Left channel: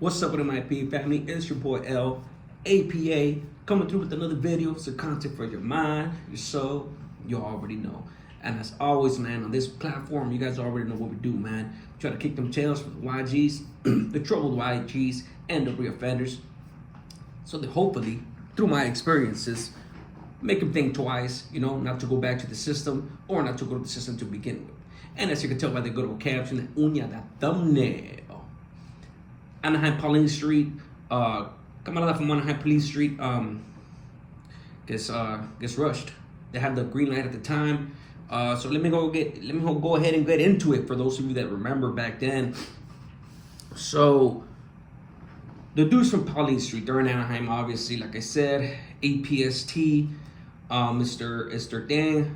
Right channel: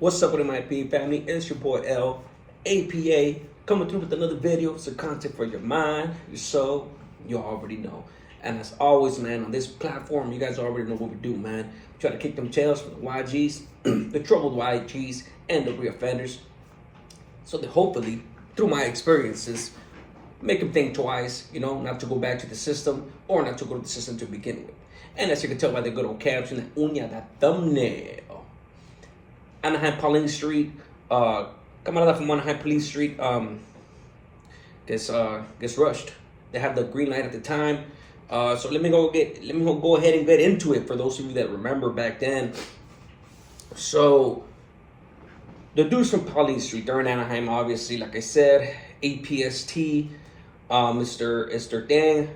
What's up with my P family? It's your boy L, APA, coming through with another video. Some content for your mind, your soul. You already know. And as always, man, on this platform, you guys already know what we do, man. We try to kick them tails from the YGs, the troubled YGs, and the reoffenders. So that hopefully, through my experiences, make them think twice, not to go back to the system or not to go to the system to begin with. And as you can tell by the good old caption, the uña, that thumbnail. Anaheim Pauline Street, camarada from Anaheim Police Street, gets rushed. They had the green light at the time. So let me go ahead and get into it for those of you that remember back then. So the dudes from Pauline Street, they're in Anaheim, obviously, like I said, APST, Mr. Dang,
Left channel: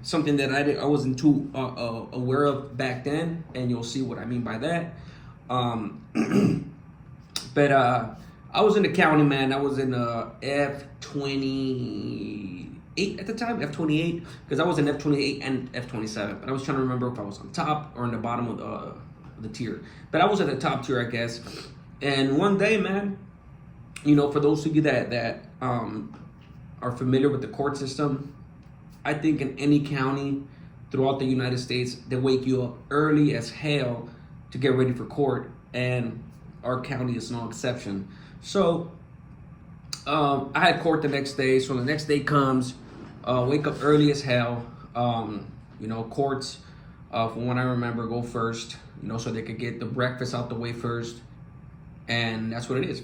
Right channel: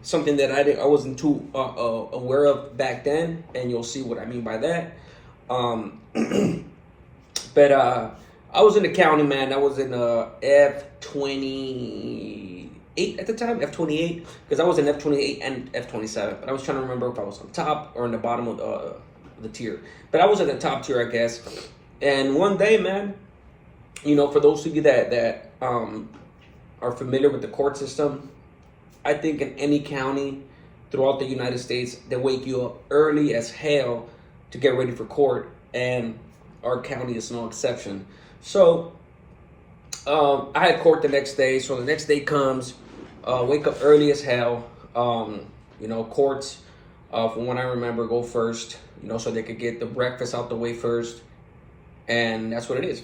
something that I wasn't too aware of back then, and you'll see what I mean by that. But I was in the county, man. I was in F28 at the time, F28, because I was in F28 and F27. But I was trying to remember if I was on top or in the bottom of the tier. But I was at the top tier, I guess. And one day, man, for those of you that are familiar with the court system, I think in any county throughout the United States, they wake you up early as hell to get ready for court, and our county is no exception. So I had court the next day. So the next day comes, wake up early as hell. Courts, from what I remember, go first, so they could get the breakfast out the way first, and that's what it is.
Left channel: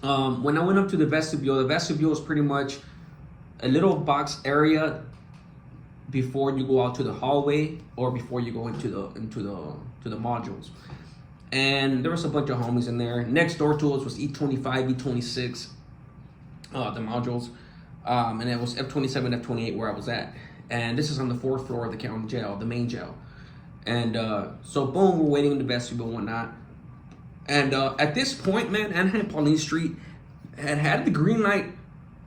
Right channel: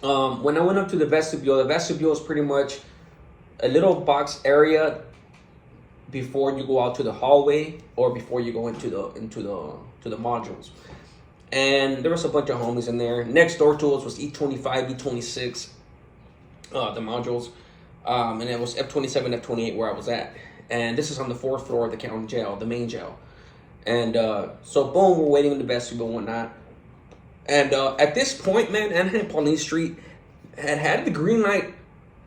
When I went up to the vestibule is pretty much a little box area before you go out to the hallway or before you go into the modules. And there was a bunch of homies in there. Next door to us was E25, E26, the modules. And it was F27, F28 where I was at. And this is on the 4th floor of the county jail, the main jail. And so boom, we're waiting in the vestibule and whatnot. And at this point, man, Anaheim Pauline Street had the green light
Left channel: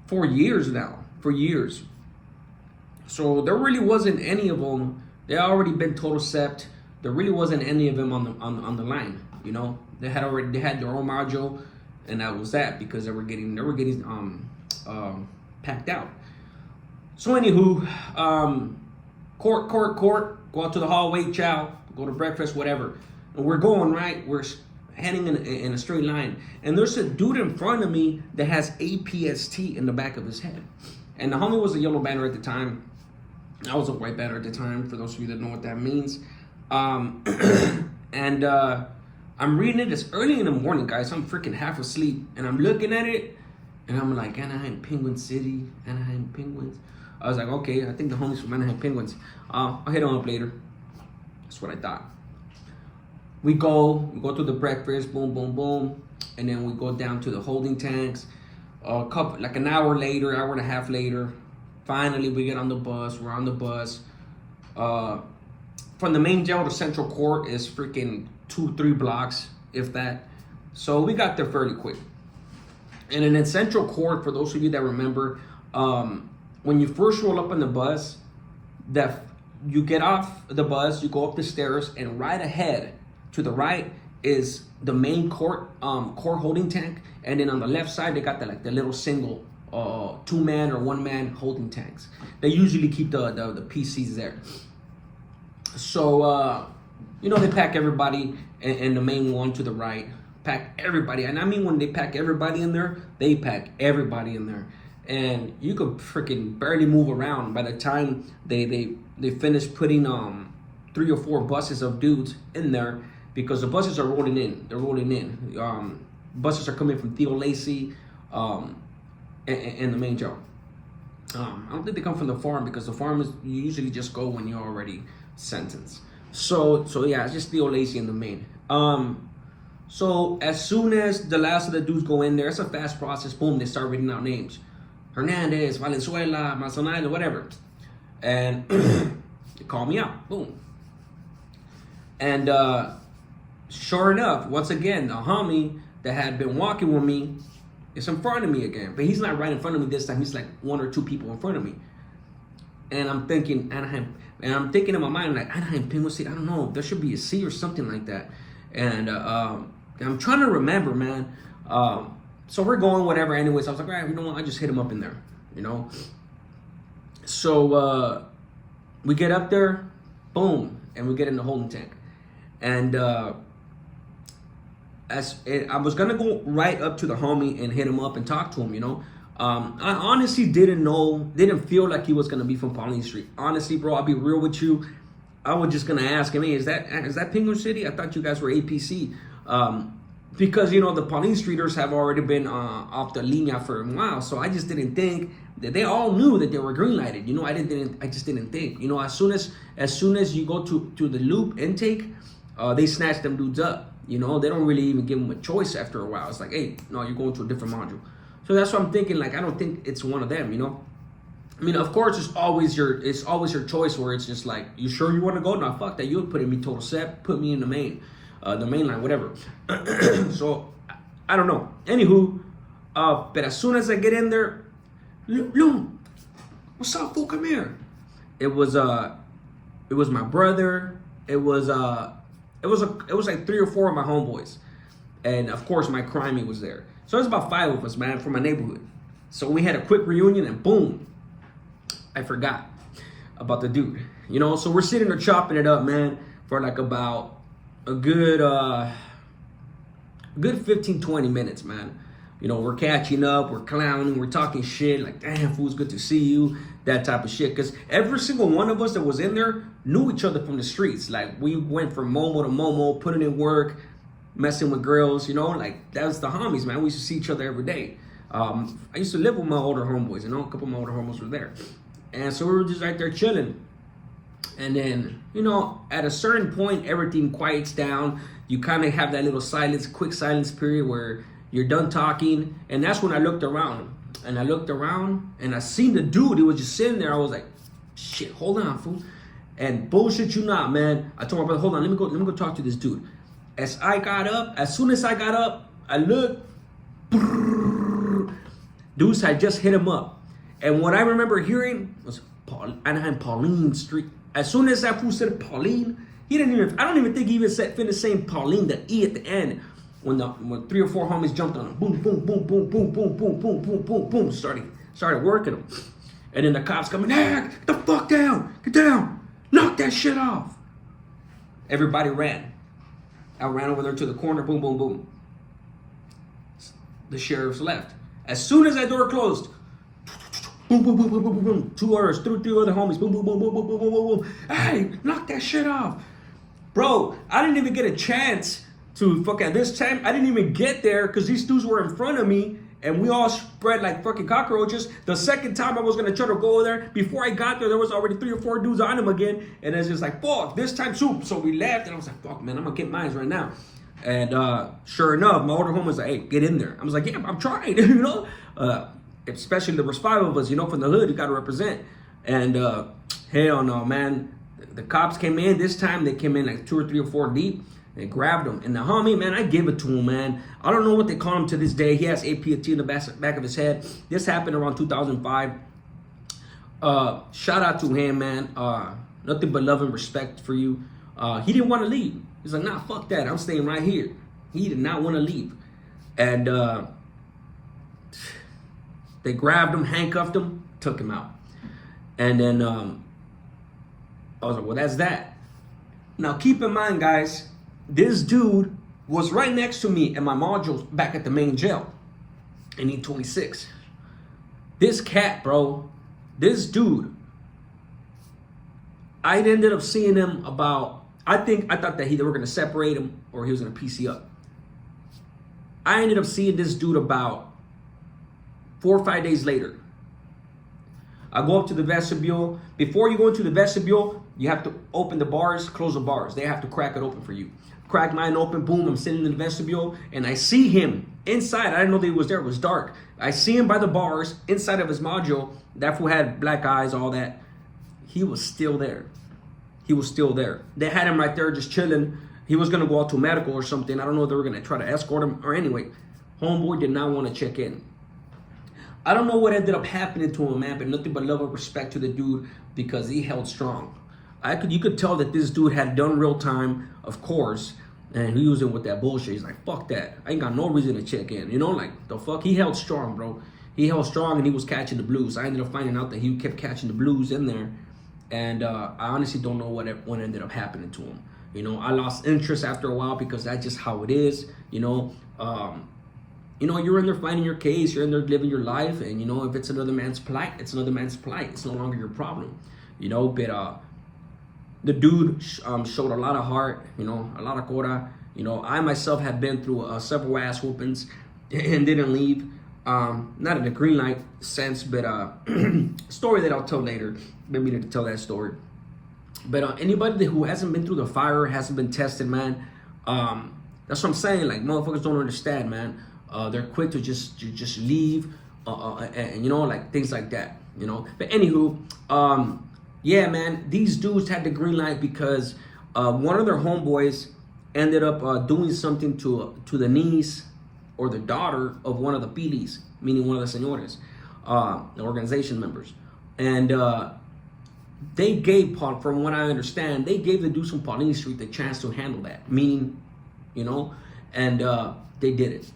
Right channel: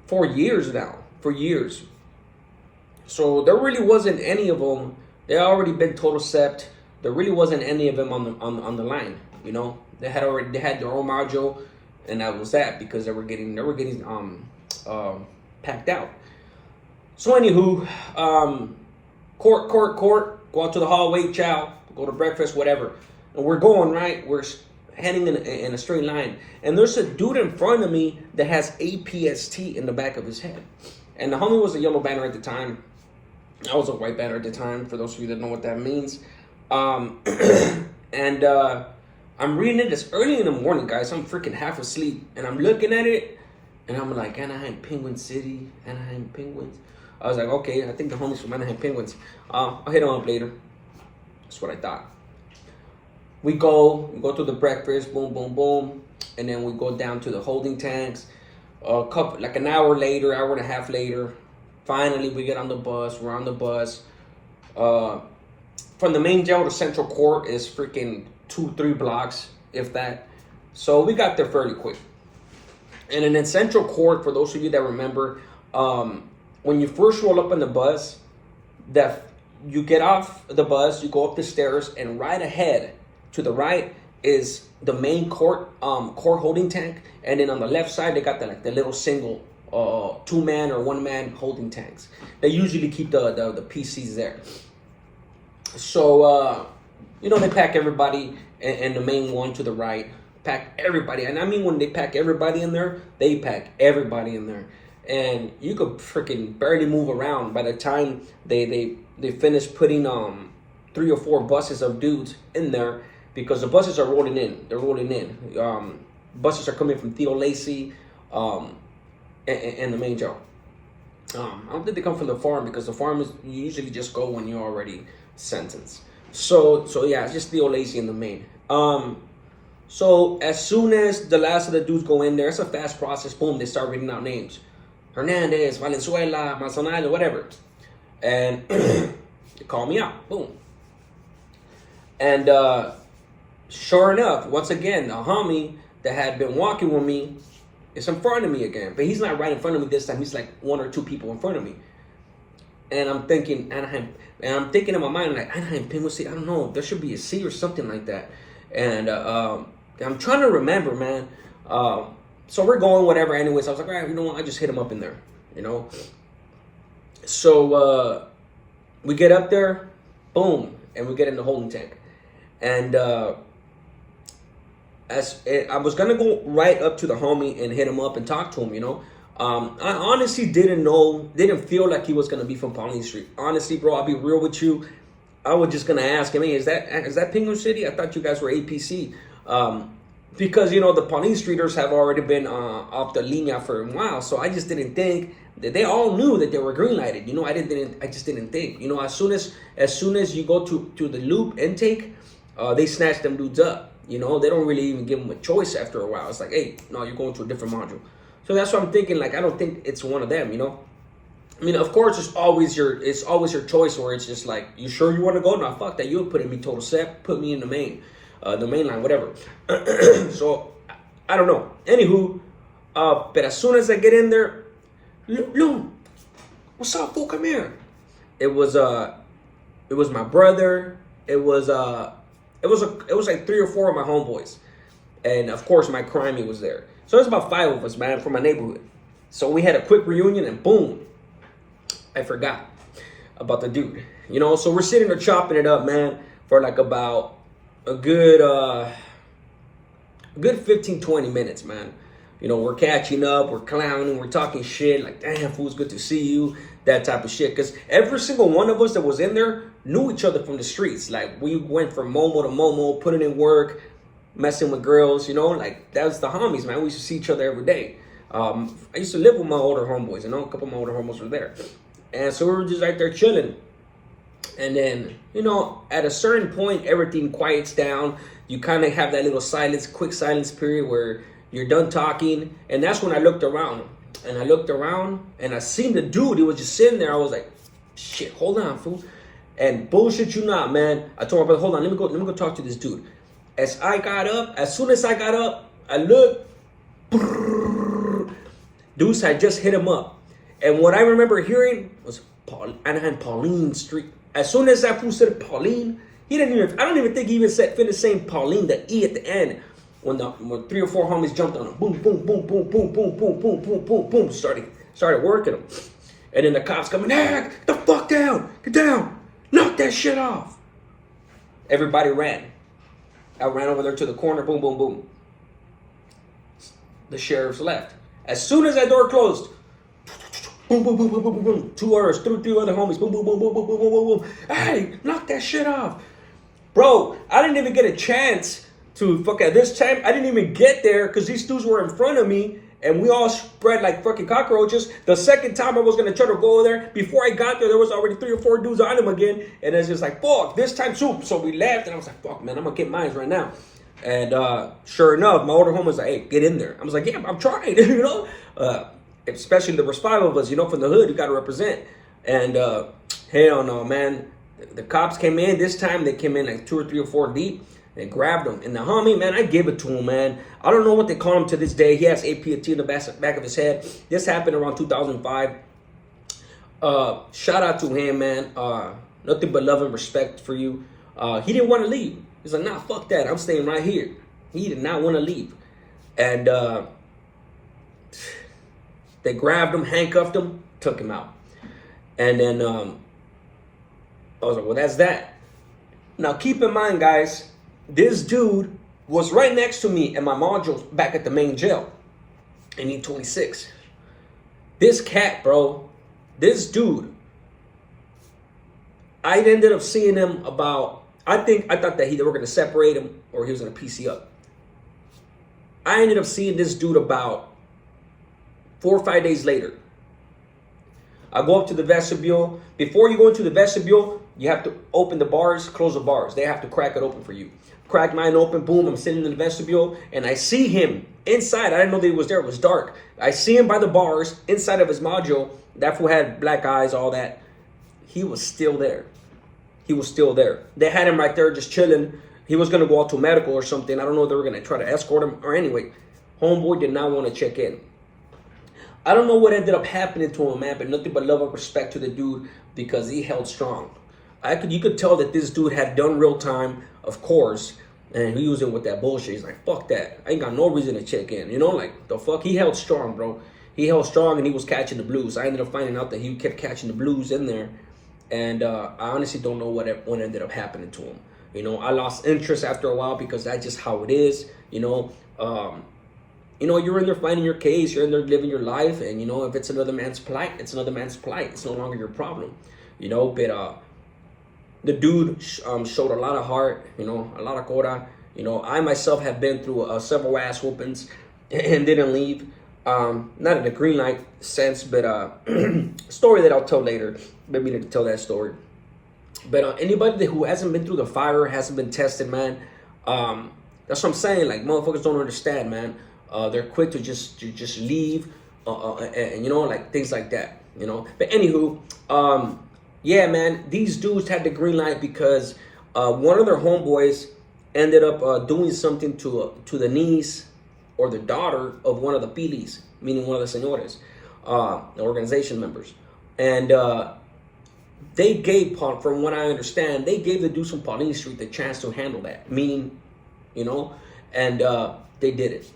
for years now, So there really wasn't any of them. They already been total sept. There really wasn't any of them on the line. They had their own module, and that was that because they were getting packed out. So anywho, court, go out to the hallway, chow, go to breakfast, whatever. And we're going right. We're heading in a straight line, and there's a dude in front of me that has APST in the back of his head, and the homie was a yellow banner at the time. I was a white banner at the time, for those of you that know what that means. And I'm reading it. It's early in the morning, guys. I'm freaking half asleep, and I'm looking at it, and I'm like, Anaheim Penguin City, Anaheim Penguins. I was like, okay, I think the homies from Anaheim Penguins. I'll hit them up later. That's what I thought. We go to the breakfast, boom, boom, boom, and then we go down to the holding tanks. Like an hour later, hour and a half later, finally we get on the bus. We're on the bus. From the main jail to Central Court is freaking 2-3 blocks, if that. So we got there fairly quick. And then in Central Court, for those of you that remember, when you first roll up on the bus, that you get off the bus, you go up the stairs, and right ahead to the right is the main court holding tank, and then on the left side they got the little single 2-man or 1-man holding tanks. They usually keep the PCs there. So they pack everybody in the main one to the right. Pack everybody, and I mean when they pack everybody in there, they pack everybody in there, and you could freaking barely move around. By the time they finish putting 3 or 4 buses of dudes in there, because the buses are rolling in. They're rolling in. Buses are coming from Theo Lacey and the main jail. I don't think they come from the farm, because the farm is you usually just go when you're already sentenced. So yeah, it's just Theo Lacey in the main. So as soon as the last of the dudes go in there, it's a fast process. Boom, they start reading out names. Hernandez, Valenzuela, Manzanilla, whatever. And they call me out. Boom. And sure enough, once again, the homie that had been walking with me is in front of me again. But he's not right in front of me this time. He's like 1 or 2 people in front of me. And I'm thinking Anaheim, and I'm thinking in my mind like Anaheim Penguin City. I don't know. There should be a C or something like that. And I'm trying to remember, man. So we're going whatever. Anyways, I was like, all right, you know what? I just hit him up in there, you know. So we get up there, boom, and we get in the holding tank. And I was gonna go right up to the homie and hit him up and talk to him, you know. I honestly didn't feel like he was gonna be from Pauline Street. Honestly, bro, I'll be real with you. I was just gonna ask him, hey, is that Penguin City? I thought you guys were APC. Because, you know, the Pauline Streeters have already been off the linea for a while. So I just didn't think that they all knew that they were greenlighted. You know, I just didn't think. You know, as soon as you go to the loop intake, they snatch them dudes up. You know, they don't really even give them a choice after a while. It's like, hey, no, you're going to a different module. So that's what I'm thinking. Like, I don't think it's one of them, you know. I mean, of course, it's always your choice where it's just like, you sure you want to go? No, fuck that. You would put in me total set, put me in the main line, whatever. So I don't know. Anywho, but as soon as I get in there, Loon, what's up, fool? Come here. It was my brother. It was like 3 or 4 of my homeboys, and of course my crimey was there. So there's about 5 of us, man, from my neighborhood. So we had a quick reunion, and boom, I forgot about the dude. You know, so we're sitting there chopping it up, man, for like about a good 15, 20 minutes, man. You know, we're catching up, we're clowning, we're talking shit, like, damn, fool, it's good to see you, that type of shit. Because every single one of us that was in there knew each other from the streets. Like, we went from Momo to Momo, putting in work, messing with girls, you know, like, that was the homies, man. We used to see each other every day. I used to live with my older homeboys, you know, a couple of my older homeboys were there. And so we were just right there chilling. And then, you know, at a certain point, everything quiets down. You kind of have that little quick silence period where you're done talking. And that's when I looked around. And I looked around and I seen the dude. He was just sitting there. I was like, shit, hold on, fool. And bullshit you not, man. I told my brother, hold on, let me go talk to this dude. As soon as I got up, I looked. Dudes had just hit him up. And what I remember hearing was Pauline Street. As soon as that fool said Pauline, I don't even think he even finished saying Pauline, the E at the end. When 3 or 4 homies jumped on him, boom, boom, boom, boom, boom, boom, boom, boom, boom, boom, boom, started working him. And then the cops coming, hey, get the fuck down, get down, knock that shit off. Everybody ran. I ran over there to the corner, boom, boom, boom. The sheriffs left. As soon as that door closed, boom, boom, boom, boom, boom, boom, boom. 2 others, 3 other homies, boom, boom, boom, boom, boom, boom, boom, boom, boom. Hey, knock that shit off. Bro, I didn't even get a chance to at this time. I didn't even get there because these dudes were in front of me and we all spread like fucking cockroaches. The second time I was gonna try to go over there, before I got there was already 3 or 4 dudes on him again. And it's just like, fuck, this time soup. So we left and I was like, fuck, man, I'm gonna get mine right now. And sure enough, my older homie was like, hey, get in there. I was like, yeah, I'm trying, you know? Especially there was 5 of us, you know, from the hood, you got to represent. And hell no, man. The cops came in. This time they came in like 2 or 3 or 4 deep. They grabbed him. And the homie, man, I give it to him, man. I don't know what they call him to this day. He has APT in the back of his head. This happened around 2005. Shout out to him, man. Nothing but love and respect for you. He didn't want to leave. He's like, nah, fuck that. I'm staying right here. He did not want to leave. And they grabbed him, handcuffed him, took him out. And then I was like, well, that's that. Now, keep in mind, guys, this dude was right next to me in my module back at the main jail in E26. This cat, bro, this dude, I ended up seeing him about, I thought that they were going to separate him or he was going to PC up. I ended up seeing this dude about 4 or 5 days later. I go up to the vestibule. Before you go into the vestibule, you have to open the bars, close the bars. They have to crack it open for you. Crack mine open, boom, I'm sitting in the vestibule, and I see him inside. I didn't know that he was there. It was dark. I see him by the bars, inside of his module. That fool had black eyes, all that. He was still there. He was still there. They had him right there just chilling. He was going to go out to medical or something. I don't know if they were going to try to escort him. Or anyway, homeboy did not want to check in. I don't know what ended up happening to him, man, but nothing but love and respect to the dude because he held strong. You could tell that this dude had done real time, of course, And he was in with that bullshit. He's like, fuck that. I ain't got no reason to check in. You know, like, the fuck? He held strong, bro. He held strong and he was catching the blues. I ended up finding out that he kept catching the blues in there. And I honestly don't know what ended up happening to him. You know, I lost interest after a while because that's just how it is. You know, you're in there fighting your case. You're in there living your life. And, you know, if it's another man's plight, it's another man's plight. It's no longer your problem. You know, but the dude showed a lot of heart, you know, a lot of cora. You know, I myself have been through several ass whoopings and didn't leave. Not in a green light sense, but story that I'll tell later. Been meaning to tell that story. But anybody who hasn't been through the fire, hasn't been tested, man, that's what I'm saying. Like, motherfuckers don't understand, man. They're quick to just leave, and you know, like things like that, you know. But anywho, yeah, man, these dudes had the green light because one of their homeboys ended up doing something to the niece or the daughter of one of the pilis, meaning one of the señores, the organization members. And they gave, from what I understand, they gave the dudes from Pauline Street the chance to handle that, meaning, you know, and they did it.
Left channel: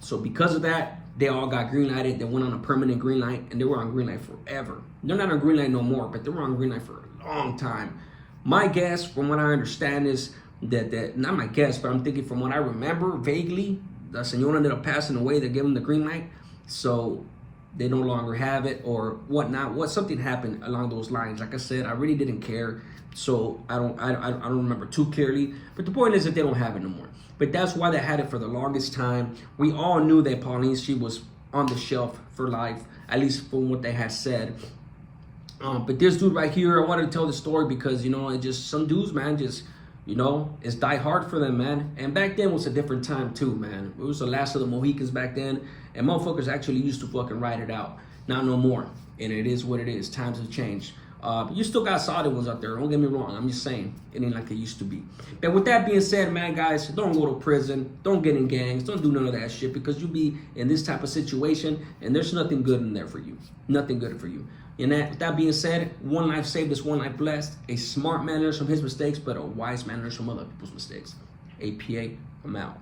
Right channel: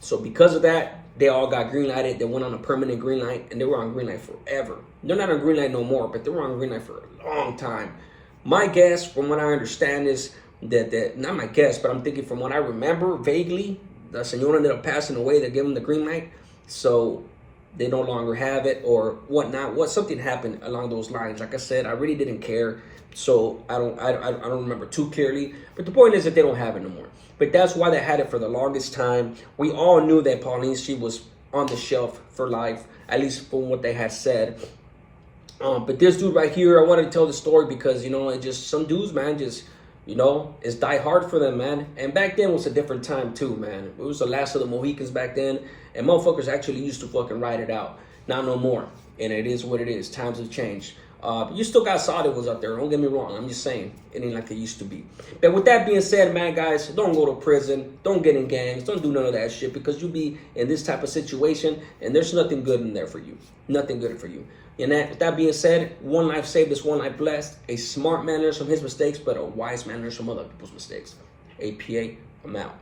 So because of that, they all got green lighted. They went on a permanent green light, and they were on green light forever. They're not on green light no more, but they were on green light for a long time. My guess, from what I understand, is that not my guess, but I'm thinking from what I remember vaguely, the señor ended up passing away. They gave him the green light, so they no longer have it or whatnot. Something happened along those lines. Like I said, I really didn't care, so I don't remember too clearly. But the point is that they don't have it no more. But that's why they had it for the longest time. We all knew that Pauline, she was on the shelf for life, at least from what they had said. But this dude right here, I wanted to tell the story because, you know, it just, some dudes, man, just, you know, it's die hard for them, man. And back then was a different time too, man. It was the last of the Mohicans back then, and motherfuckers actually used to fucking ride it out. Not no more. And it is what it is. Times have changed. You still got solid ones out there. Don't get me wrong. I'm just saying, it ain't like it used to be. But with that being said, man, guys, don't go to prison. Don't get in gangs. Don't do none of that shit, because you'll be in this type of situation, and there's nothing good in there for you. Nothing good for you. And with that being said, one life saved is one life blessed. A smart man learns from his mistakes, but a wise man learns from other people's mistakes. APA, I'm out.